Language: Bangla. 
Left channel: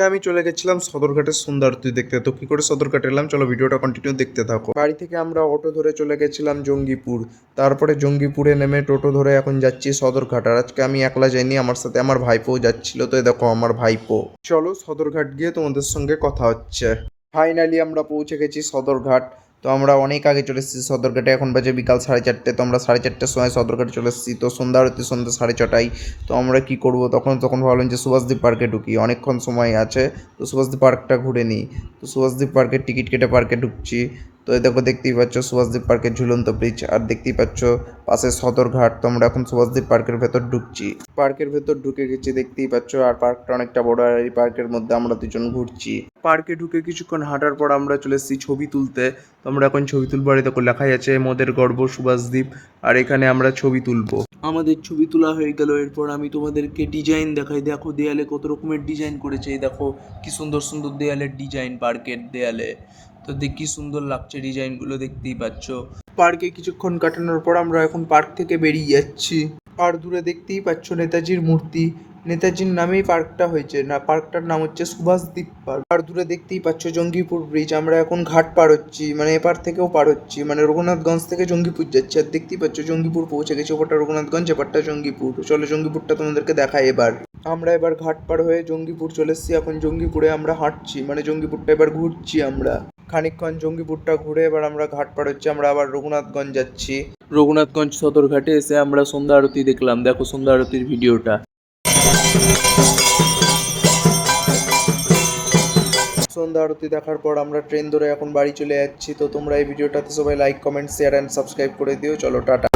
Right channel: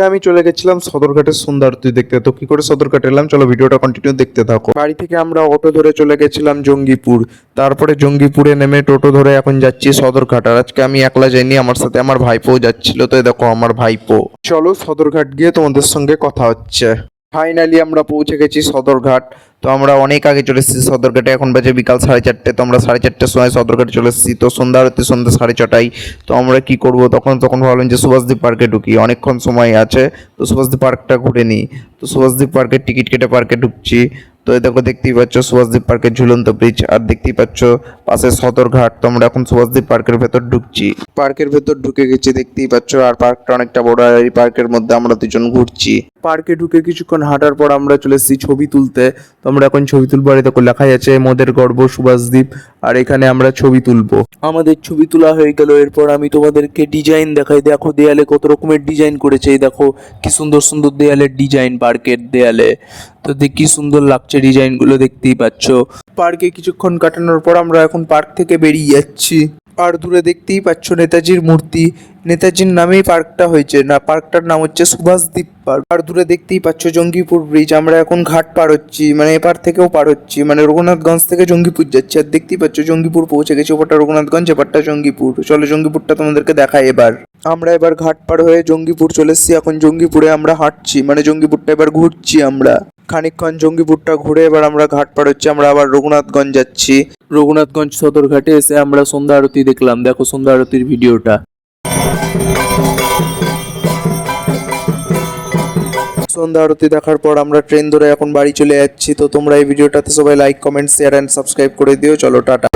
আমি চলে গেছিলাম সদরঘাটের সন্ধ্যা আরতি দেখতে। তো কি করে সদরঘাট এলাম, চলো ভিডিওটা কন্টিনিউ দেখতে থাকো। বাড়ি থেকে আমরা অটো ধরে চলে গেছিলাম জঙ্গিপুর। তারপরে জঙ্গিপুরে নেমে টোটো ধরে এখন যাচ্ছি সদরঘাট। আর আজকে আমি একলা যাইনি, আমার সাথে আমার ভাইপো যাচ্ছিল। তো এই দেখো আমার ভাইপো। চলো সদরঘাট গিয়ে তোমাদের সঙ্গে কথা হচ্ছে। ফাইনালি আমরা পৌঁছে গেছি সদরঘাট। তো আমরা অনেক আগে চলে এসেছি সদরঘাটে। এখন বাজে বিকাল 4:30। তো আমরা 4:30টার সময় সদরঘাটে চলে এসেছি। তো সন্ধ্যা আরতি সন্ধ্যা 6:30টায়। তো আমরা কি করব, তখন ভাবলাম যে সুভাষদ্বীপ পার্কে ঢুকি, অনেকক্ষণ সময় আছে। তো সুভাষদ্বীপ পার্কটা ঘুরে নিই। তো সুভাষদ্বীপ পার্কের টিকিট কেটে পার্কে ঢুকছি। তো এই দেখো দেখতেই পাচ্ছ সুভাষদ্বীপ পার্কের ঝুলন্ত ব্রিজ, আর দেখতেই পাচ্ছ পাশে সদরঘাট। তো আমরা এখন সুভাষদ্বীপ পার্কের ভেতর ঢুকছি। পার্কের ভেতর ঢুকে গেছি দেখতেই পাচ্ছ, আর পার্কটা অনেকটা বড়। আর এই পার্কের মধ্যে আমরা দুজন ঘুরছি। পার্কে ঢুকে কিছুক্ষণ হাঁটার পর আমরা চলে এসেছি ছবি তুলতে। তো আমরা এখন ছবি তুলবো। আর দেখো লেখাই আছে মোদের গর্ব সুভাষদ্বীপ। আর এখানে আমরা ছবি তুলবো। আমাদের ছবি তোলা হয়ে গেল। এরপর আমি তোমাদেরকে ডিজাইন দেখাই। দেখো দেয়ালে কত রকমের ডিজাইন করেছে। এই দেখো কি সুন্দর সুন্দর দেয়ালের ডিজাইন পার্কের দেয়ালে। তো দেখ কি সুন্দর লাগছে ডিজাইনগুলো, দেখতেই পাচ্ছ। পার্কে কিছুক্ষণ কাটানোর পর আমরা এখন পার্ক থেকে বেরিয়ে যাচ্ছি। আর দূরে দেখতেই পাচ্ছ নেতাজির মূর্তি। নেতাজির নামেই পার্কটা হয়েছে, না পার্কটার নাম হচ্ছে সুভাষদ্বীপ পার্ক। আর দূরে দেখতেই পাচ্ছ জঙ্গিপুর ব্রিজ। আমরা এখন ঘাট পার হচ্ছি, মানে এপার থেকেও পার হচ্ছি, মানে রঘুনাথগঞ্জ থেকে জঙ্গিপুর যাচ্ছি। আর দেখতেই পাচ্ছ জঙ্গিপুর পৌঁছে গেছি। ওপারটা রঘুনাথগঞ্জ, এপারটা জঙ্গিপুর। চলো জঙ্গিপুরটা তোমাদেরকে দেখাই এবার। আমরা এবার ঘাট পার হয়ে জঙ্গিপুর চলে এসেছি। এখন জঙ্গিপুরে আমরা হাঁটছি, মানে জঙ্গিপুরটা এবার ঘুরছি আমরা। খানিকক্ষণ জঙ্গিপুরটা ঘুরে এবার আমরা ঘাট পার হচ্ছি। আমরা আবার রঘুনাথগঞ্জ যাচ্ছি। রঘুনাথগঞ্জ সদরঘাটে এসে আমরা সন্ধ্যা আরতি দেখলাম। দেখো সন্ধ্যা আরতির ভিডিওটা। সন্ধ্যা আরতি দেখার পর আমরা ট্রেন ধরে এখন বাড়ি চলে যাচ্ছি। তো তোমরা এই ভিডিওটাতে সবাই like comment share and subscribe করে দিও। চলো টাটা।